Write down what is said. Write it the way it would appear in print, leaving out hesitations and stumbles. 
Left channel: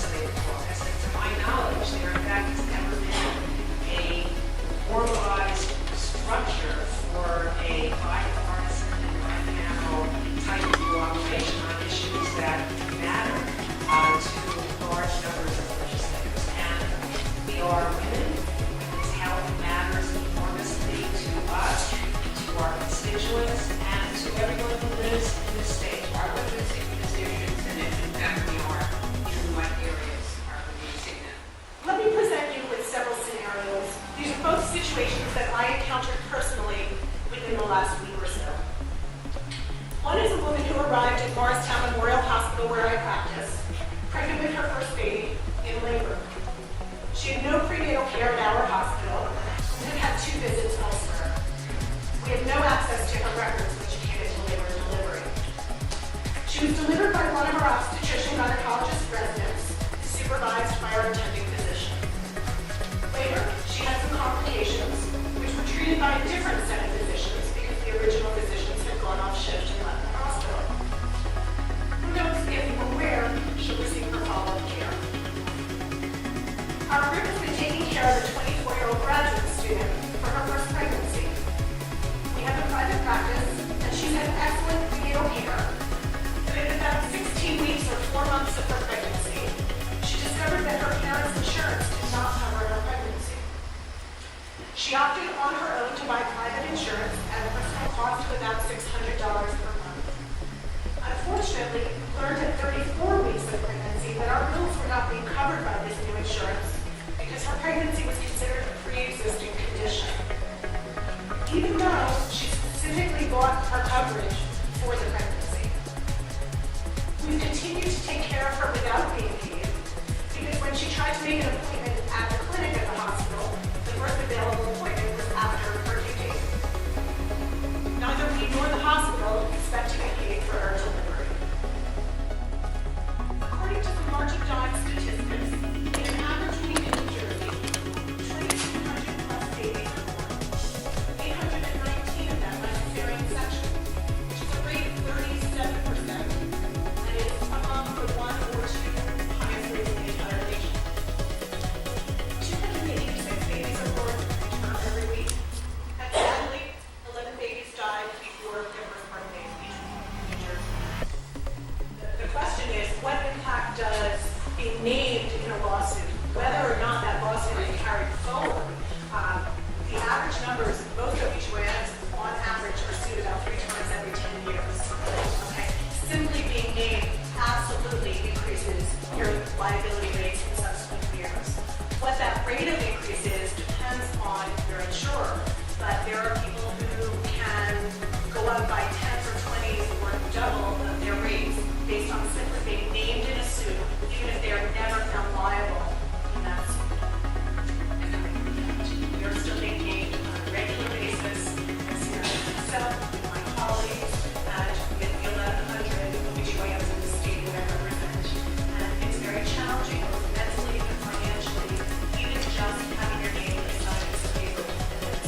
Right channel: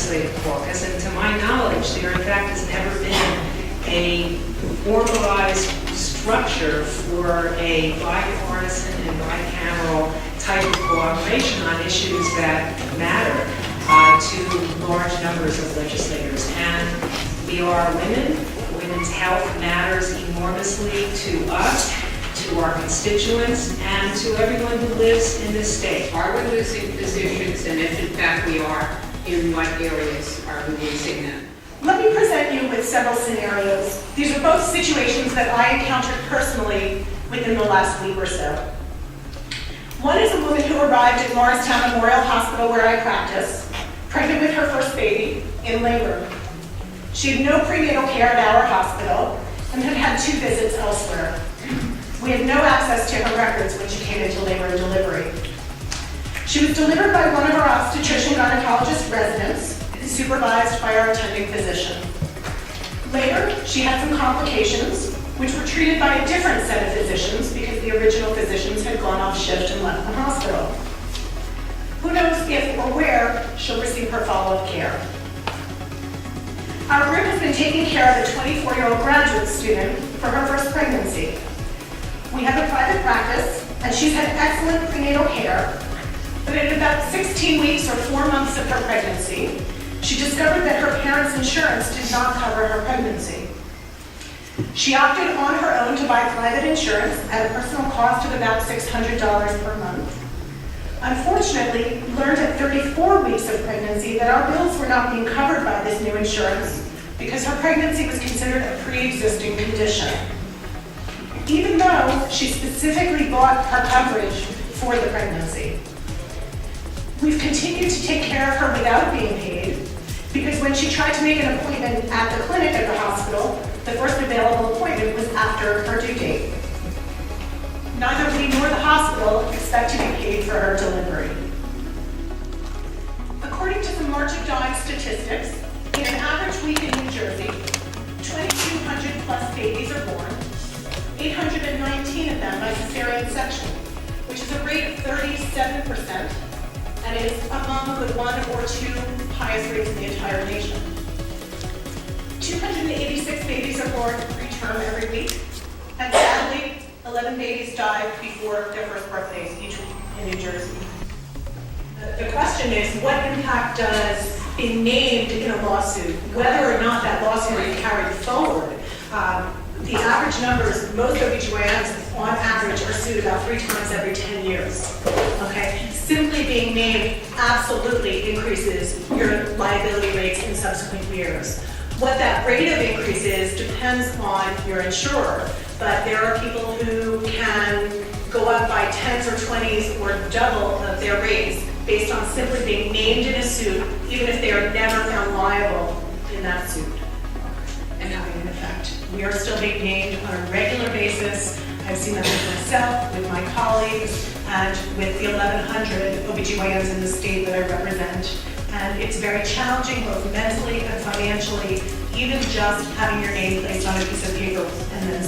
legislative caucus, and to my knowledge, there in fact has never been a formalized structure for a bipartisan and bicameral type of cooperation on issues that matter to large numbers of legislators. And we are women. Women's health matters enormously to us, to our constituents, and to everyone who lives in this state. Are we losing positions, and if in fact we are, in what areas are we losing them? Let me present you with several scenarios. These are both situations that I encountered personally within the last week or so. One is a woman who arrived at Morristown Memorial Hospital where I practice, pregnant with her first baby, in labor. She had no prenatal care at our hospital and had had 2 visits elsewhere. We had no access to her records when she came into labor and delivery. She was delivered by one of our obstetrician gynecologist residents, supervised by our attending physician. Later, she had some complications, which were treated by a different set of physicians because the original physicians had gone off shift and left the hospital. Who knows if or where she'll receive her follow-up care. Our group has been taking care of a 24-year-old graduate student for her first pregnancy. We have a private practice, and she's had excellent prenatal care, but at about 16 weeks or 4 months of her pregnancy, she discovered that her parents' insurance did not cover her pregnancy. She opted on her own to buy private insurance at a personal cost of about $600 per month. Unfortunately, learned at 34 weeks of pregnancy that our bills were not being covered by this new insurance because her pregnancy was considered a pre-existing condition, even though she specifically bought her coverage for the pregnancy. We've continued to take care of her without being paid because when she tried to make an appointment at the clinic at the hospital, the first available appointment was after her due date. Neither we nor the hospital expect to be paid for her delivery. According to the March of Dimes statistics, in an average week in New Jersey, 2,200 plus babies are born, 819 of them by cesarean section, which is a rate of 37%, and is among the 1 or 2 highest rates in the entire nation. 286 babies are born preterm every week, and sadly, 11 babies died before their first birthdays each week in New Jersey. The question is, what impact does being named in a lawsuit, whether or not that lawsuit is carried forward? The average numbers, most OBGYNs on average are sued about 3 times every 10 years. Okay? Simply being named absolutely increases your liability rates in subsequent years. What that rate of increase is depends on your insurer, but there are people who can go up by 10s or 20s or double of their rates based on simply being named in a suit, even if they are never found liable in that suit and having an effect. We are still being named on a regular basis. I've seen that with myself, with my colleagues, and with the 1,100 OBGYNs in the state that I represent. And it's very challenging, both mentally and financially, even just having your name placed on a piece of paper and then